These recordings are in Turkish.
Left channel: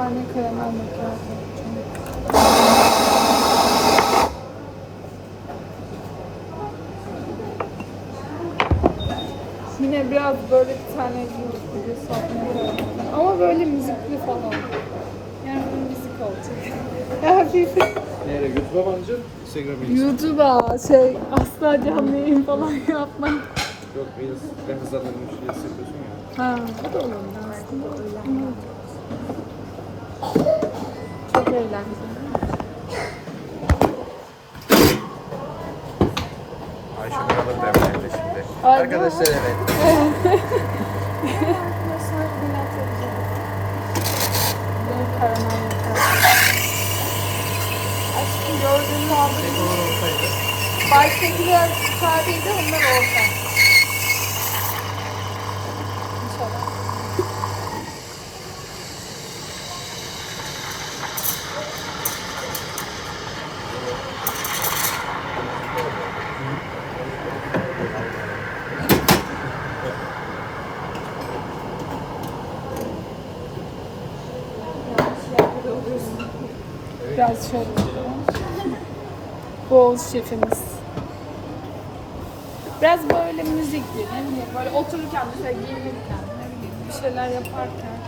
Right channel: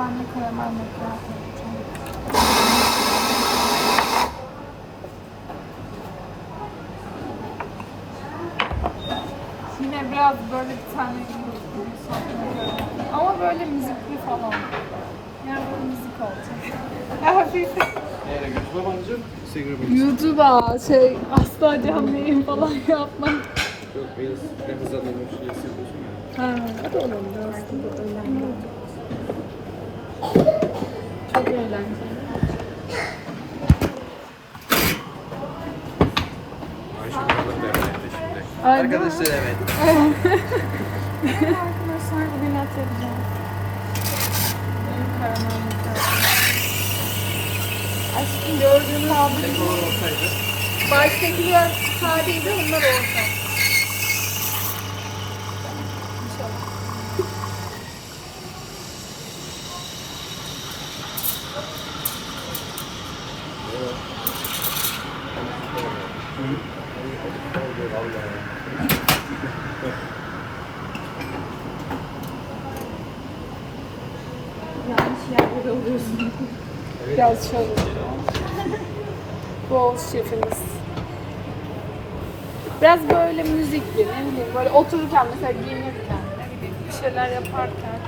tane karamel yapacağım. Yine biraz böyle bir tane gibi satmalı Ama böyle müzikli falan. Yani böyle müzik olacak. Hafif. Neyle YouTube'a mı alacaksın? Instagram'a? YouTube'a şey asla canlı yayın falan yapma. Yok Reels'de hızla ya. Ha. O da olabilir aslında öyle. Çok eğlenceli. Ayşe Karalar derneğinde şimdi. Ay, Arkadaşlar evet. Karamel macchiato. Aşkım gördüğünüz Tek olur olsaydı. Baştakiler sadeydi, onlar orta. Biraz şöyle. Bol şefimiz. Biraz böyle müzikli, ne bileyim böyle otururken mesela giyinirken, ne bileyim bir şeyler yaparken.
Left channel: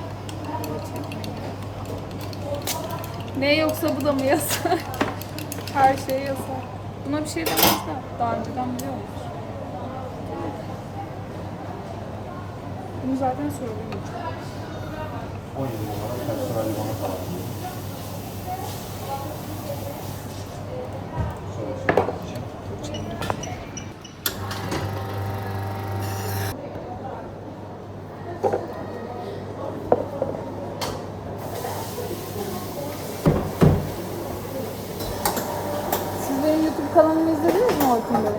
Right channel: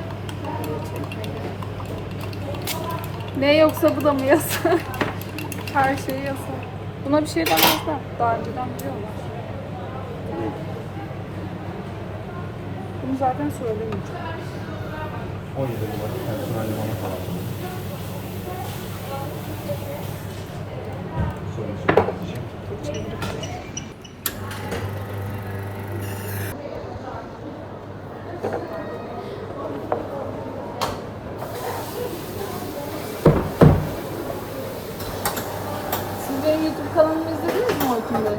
Ne yoksa bu da mı yasak? Her şey yasak. Buna bir şey demezler. Daha önceden biliyorlar. Bunu zaten söylemeyeceğim. 17 numara. Siz benim YouTube kanalımı izlediniz mi Orkun Bey?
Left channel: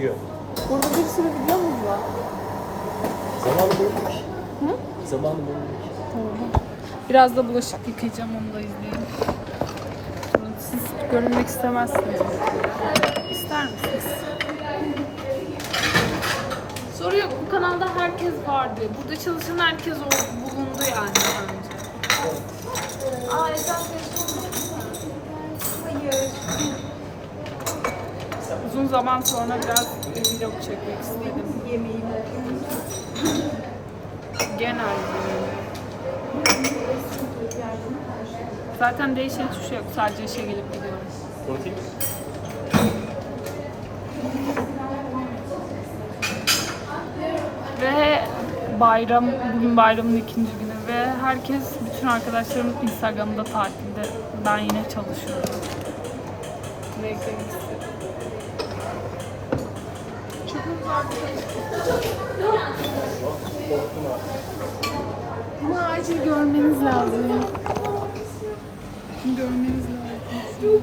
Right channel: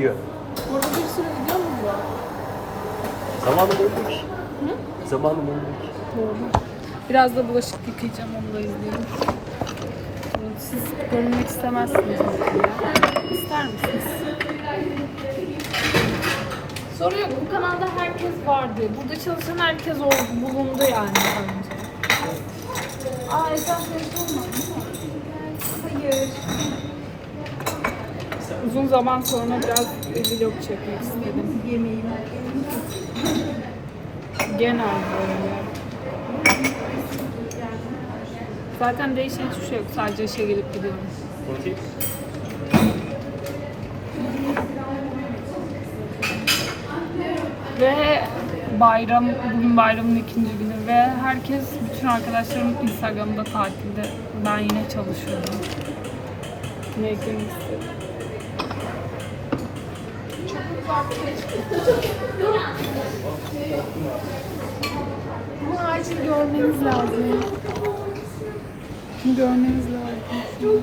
Yiyor. Burada bir sürü videomuz var. Zaman bulmuş. Zaman bulmuş. Tamam. Biraz da bulaşık yıkayacağım onu da izleyelim. Siz görünmek istemezsiniz. İster misiniz? Soru yok. Bu kanalda herkes vardı. Burada çalışan herkes o- bulundu yani daha önce. Aa Esen telefon mu? Hayır. Uzun zaman sonra biraz vlog çekmek istedim. Genel böyle. Zaten değişen hiçbir şey yok. Sadece işe gelip gidiyoruz. Ve bayram, bugün bayramın ikinci günü ve herkes, bütün arkadaşlarım Instagram'da tatilde. Ben yine çalışıyorum. Ne eklemek istedim. Ama acil görmeniz lazım. Görmeniz lazım.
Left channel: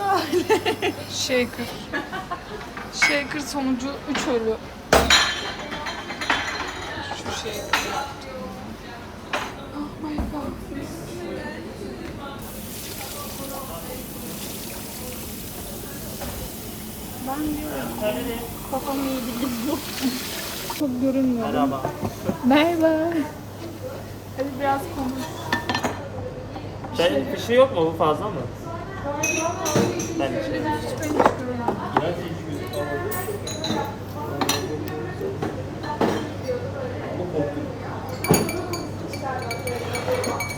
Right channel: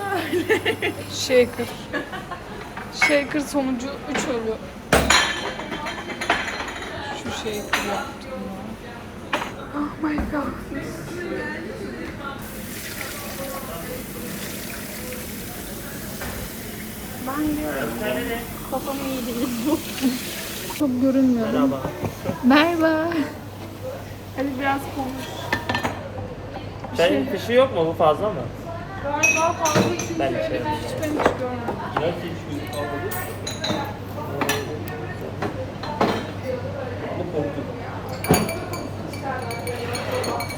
Shaker. Shaker sonucu 3 ölü. Şu shaker yaptım. Oh my god. Ben diyorum. Kafam iyi değil bu. Çok görünmüyor. Merhaba. Merhaba. Hadi biraz konuş. Çayın fişi yok mu? Bu fazla mı? Ben de şey.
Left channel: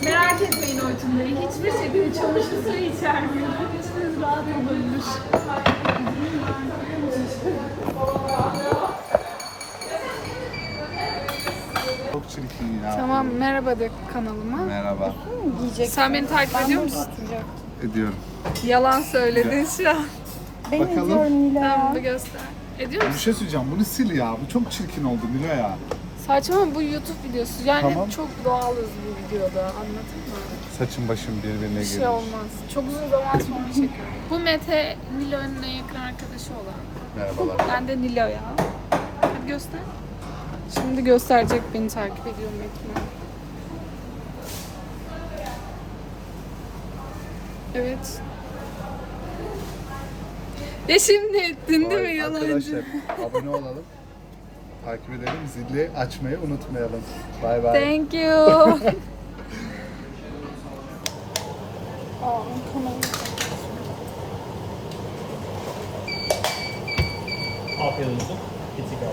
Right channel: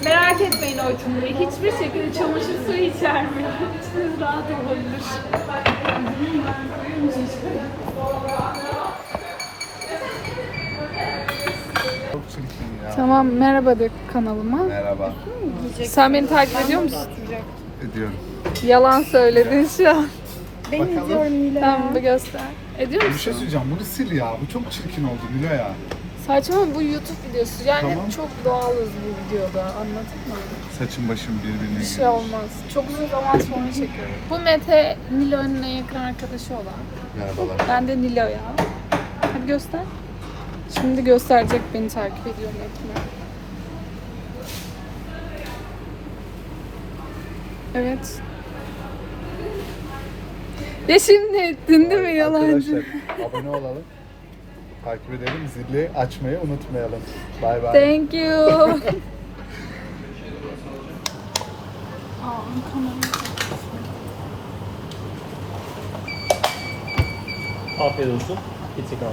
Merak etmeyin Oytun Bey. Hiçbir şekilde çamaşır suyu içermiyor. İçiniz rahat olabilir. Çok çirkin ya. Tamam merhaba de kanalıma. Merhaba. Sen beni takip ediyor musun? Ediyorum. Yalan söyledin şu an. Bakalım. Tamam bir göster. Ediyor Bir musun? şey söyleyeceğim. Bunu sil ya. Bu çok çirkin oldu Milo ya. Saçma bu YouTube videosu. Yani Tamam. çok doğalız bu videoda. Anladın mı? Saçım başım birbirine Bir şey olmaz. Çok uzun zaman sonra çekiyorum. Bu Mete Nilo'nun en yakın arkadaşı olan. Merhabalar. Ben de Nilo'ya. Hadi göster. Şimdi gösterecek beni takip ediyor Metin'e. Evet. Ya şimdi ettin değil mi yalancı? Arkadaşlar abone olalım. Takip edelim. Zili açmayı unutmayalım. Bay bay. Thank you. Aa. Afiyet olsun. Bitik abi.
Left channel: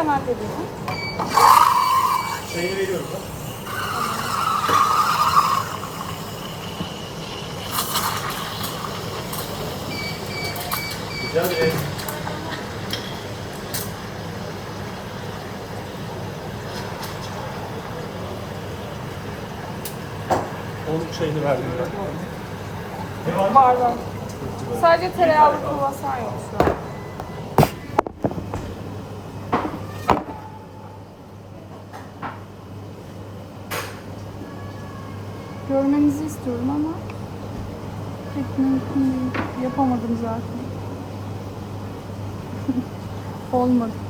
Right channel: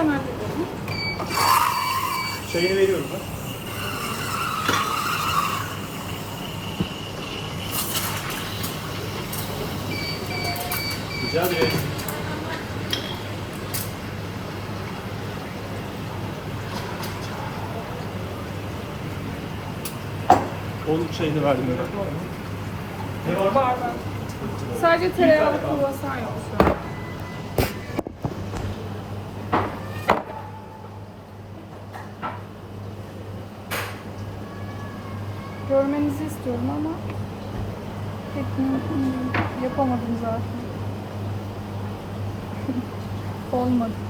Ben hallederim. Çayını veriyorum. Rica ederim. Onun çayını verdim öyle. Var var. Sadece tereyağlı kruvasan yok şu an. Görmenizi istiyorum ama pek mümkün değil. Yapamadım zaten. Olmadı.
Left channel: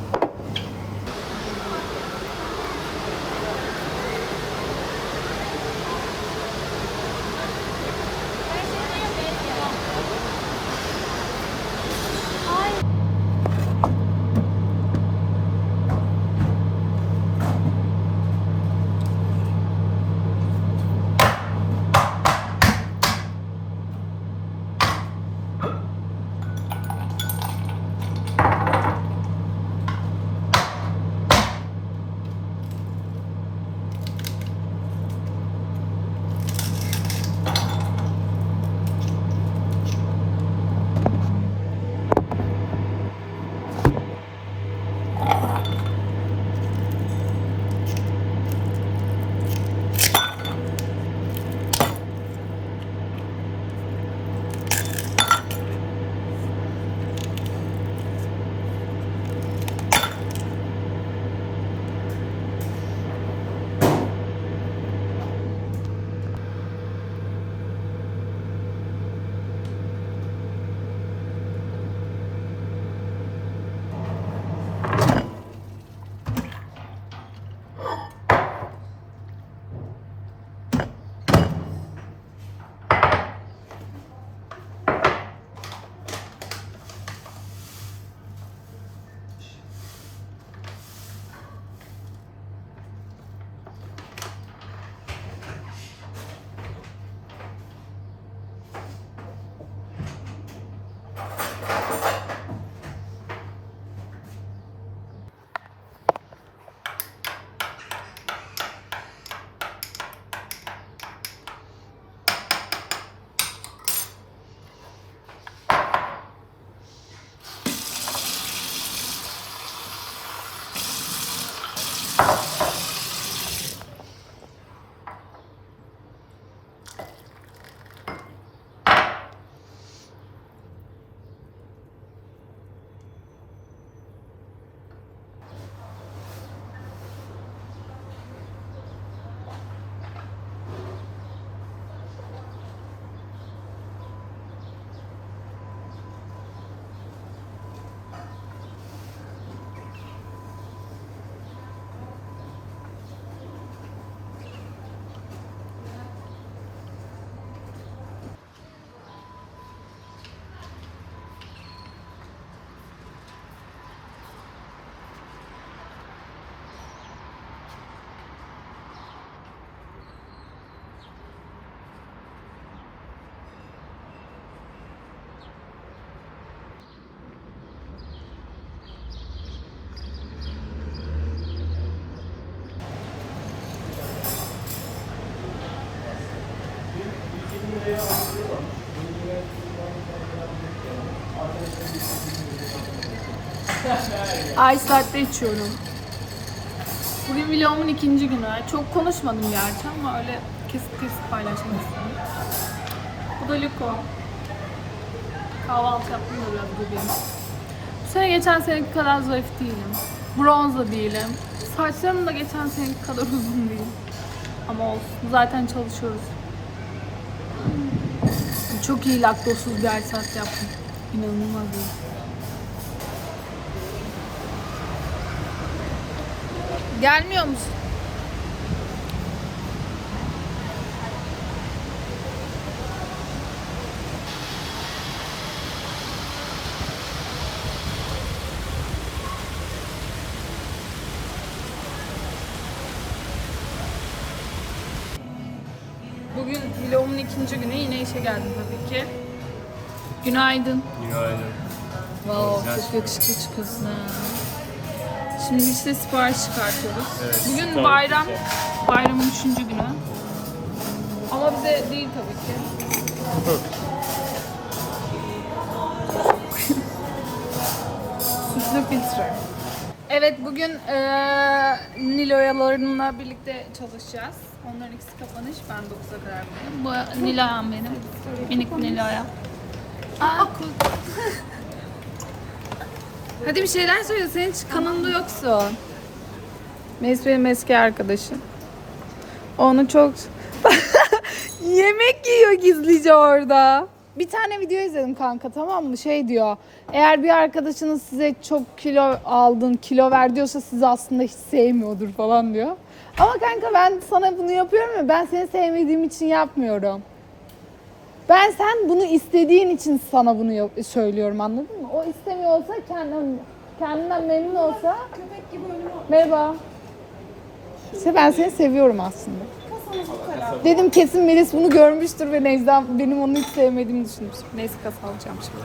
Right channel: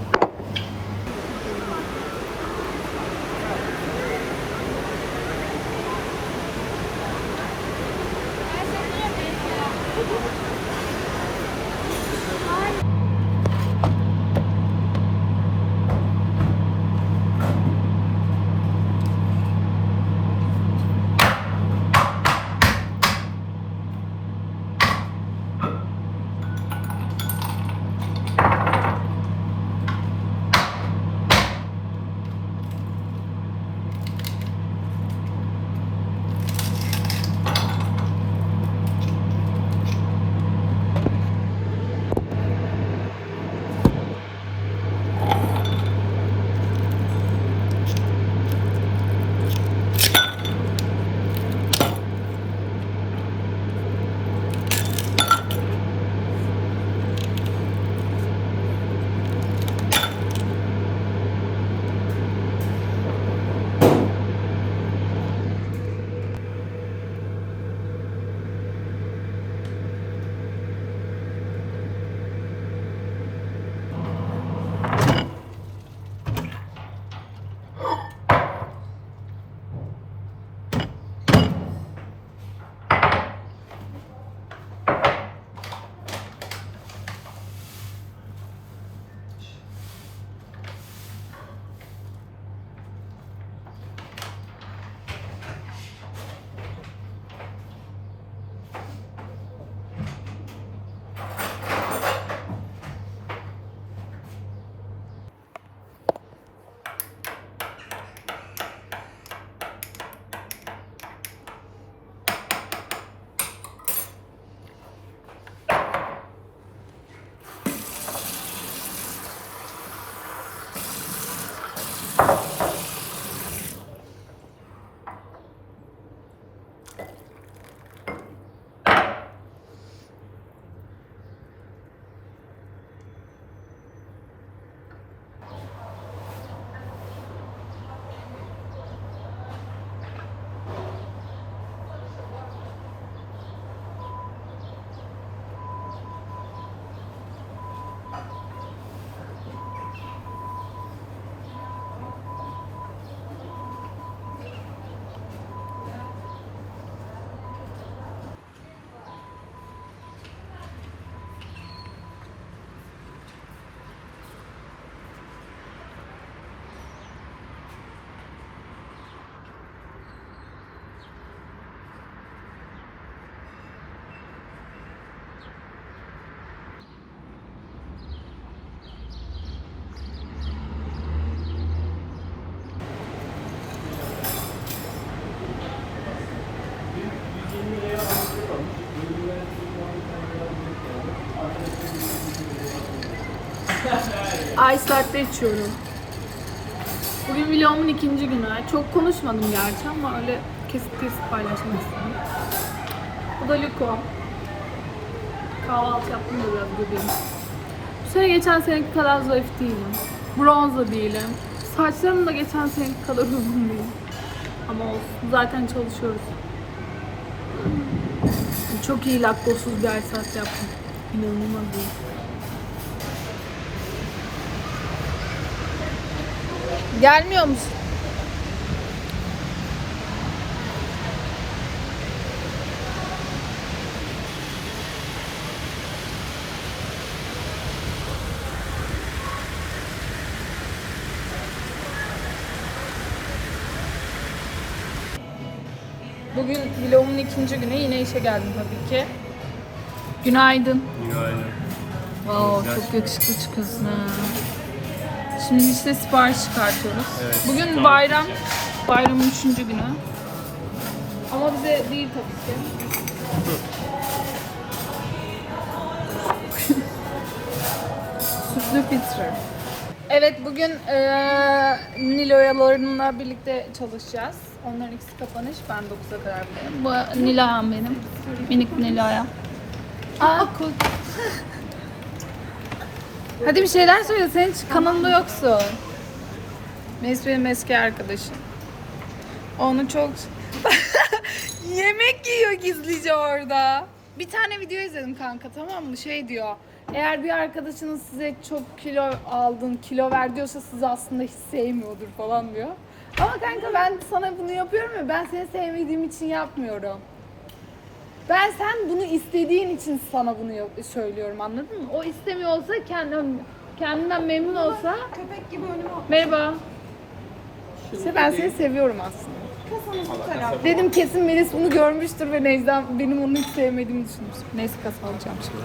Ice latte içiyorum. Bugün vlogumun ikinci günü. Çok konuşmadım gerçi ama öyle kesip kesip paylaşmak istedim. Bu da Liko. Kahvaltı yaptım da biraz göbeğim. Bu sene geçen seneki kadar zayıf değilim. Bronz da değilim. Saçlarım da geçen seneki kadar uzun değil. Ama olsun. Zaten çalışıyoruz. Çok iyi laktozsuz bir latte yaptım. İnanılmaz iyi. Gelmiyor musun? Bugün vlogumun ikinci günü yine işe geldim tabii ki. Günaydın. Günaydın. Oo, çok yakışıklı çıkıyorsun. Şimdi işte sipariş çıkartıyoruz. Evet, Bugün sipariş. bayram. Bayramın üçüncü günü. Ama bize değil tabii ki. Sütlü filtre. Evet bugün eee Nilo'yalarımla birlikte çalışacağız. Onların ikisi kapanış. Ben 9'a kadar buradayım. Bu Nilay'ım benim. Minik Nilay'ım. Aa, Hadi bir şeyler söyle. Sen hiç kanalında yoksun. Neyse benim eski arkadaşım. Onu çok... Yemek yiyor gizlice orada. Bir tane video izledim kanka tamam mı? Şey diyor. Eğer bir arkadaşınız size çok kilo aldın, kilo ver diyorsa sizi aslında hiç sevmiyordur falan diyor. Ama kanka ben sana bunu yapıyorum ya ben seni sevmediğim için yapmıyorum. Ben sen bunu istediğin için sana bunu yap- söylüyorum anladın mı? O istemiyor olsa kendim, kendinden memnun olsa Köpek gibi önüme merhaba. İşte ben seni seviyorum aslında. Dedim kesin Melis bunu görmüştür ve Necda benim onu hiç sevmediğimi düşünmüştür. Neyse kasa alacağım şimdi.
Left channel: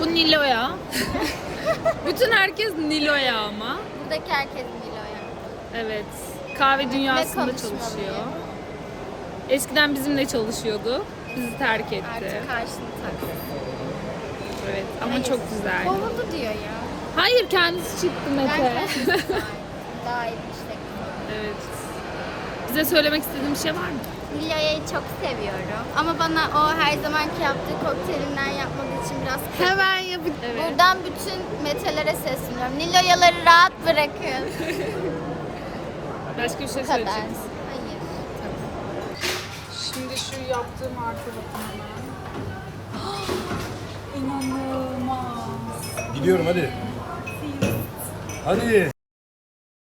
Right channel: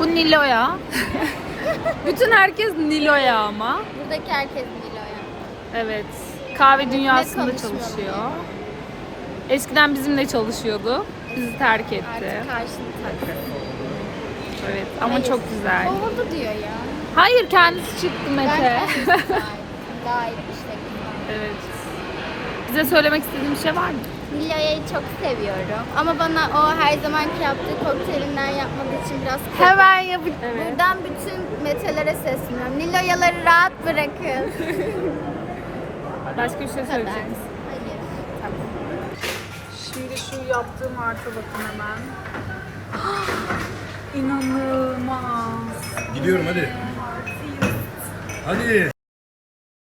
Bu Nilo'ya. Bütün herkes Nilo'ya ama. Buradaki herkes yani. Evet. Kahve dünyasında çalışıyor. Eskiden bizimle çalışıyordu. Bizi terk etti. Artık karşını taktı. Evet. Ama Hayır. çok güzel. Kovuldu diyor ya. Hayır kendisi çıktı Ben Mete. kendisi Daha iyi işte. evet. Bize söylemek istediğin bir şey var mı? Nilo'yu çok seviyorum. Ama bana o her zamanki yaptığı kokteylinden yapmadığı için biraz kızdım. Hemen yapıp. Evet. Buradan bütün metelere sesleniyorum. Nilo'yaları rahat bırakın. Başka bir şey söyleyecek misin? Hayır. Şimdi şu yaptığım arka bakın hemen. İnanılmaz. Gidiyorum hadi. Hadi.